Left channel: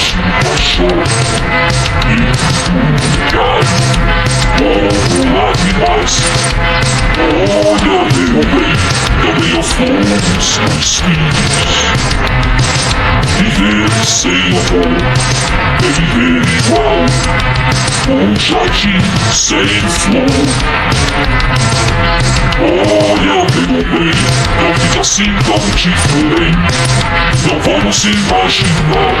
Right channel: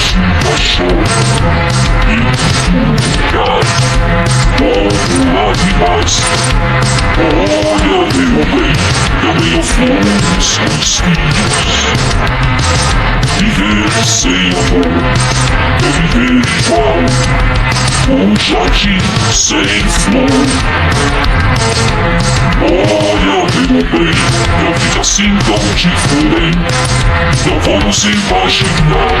chuva chora e cai como lágrimas. Olha, meu bem, também aos flores são espinhos. Viver sem amor é viver igual um jardim sem flor. Olha, meu bem, não fica assim tão diferente. Não vamos imaginar.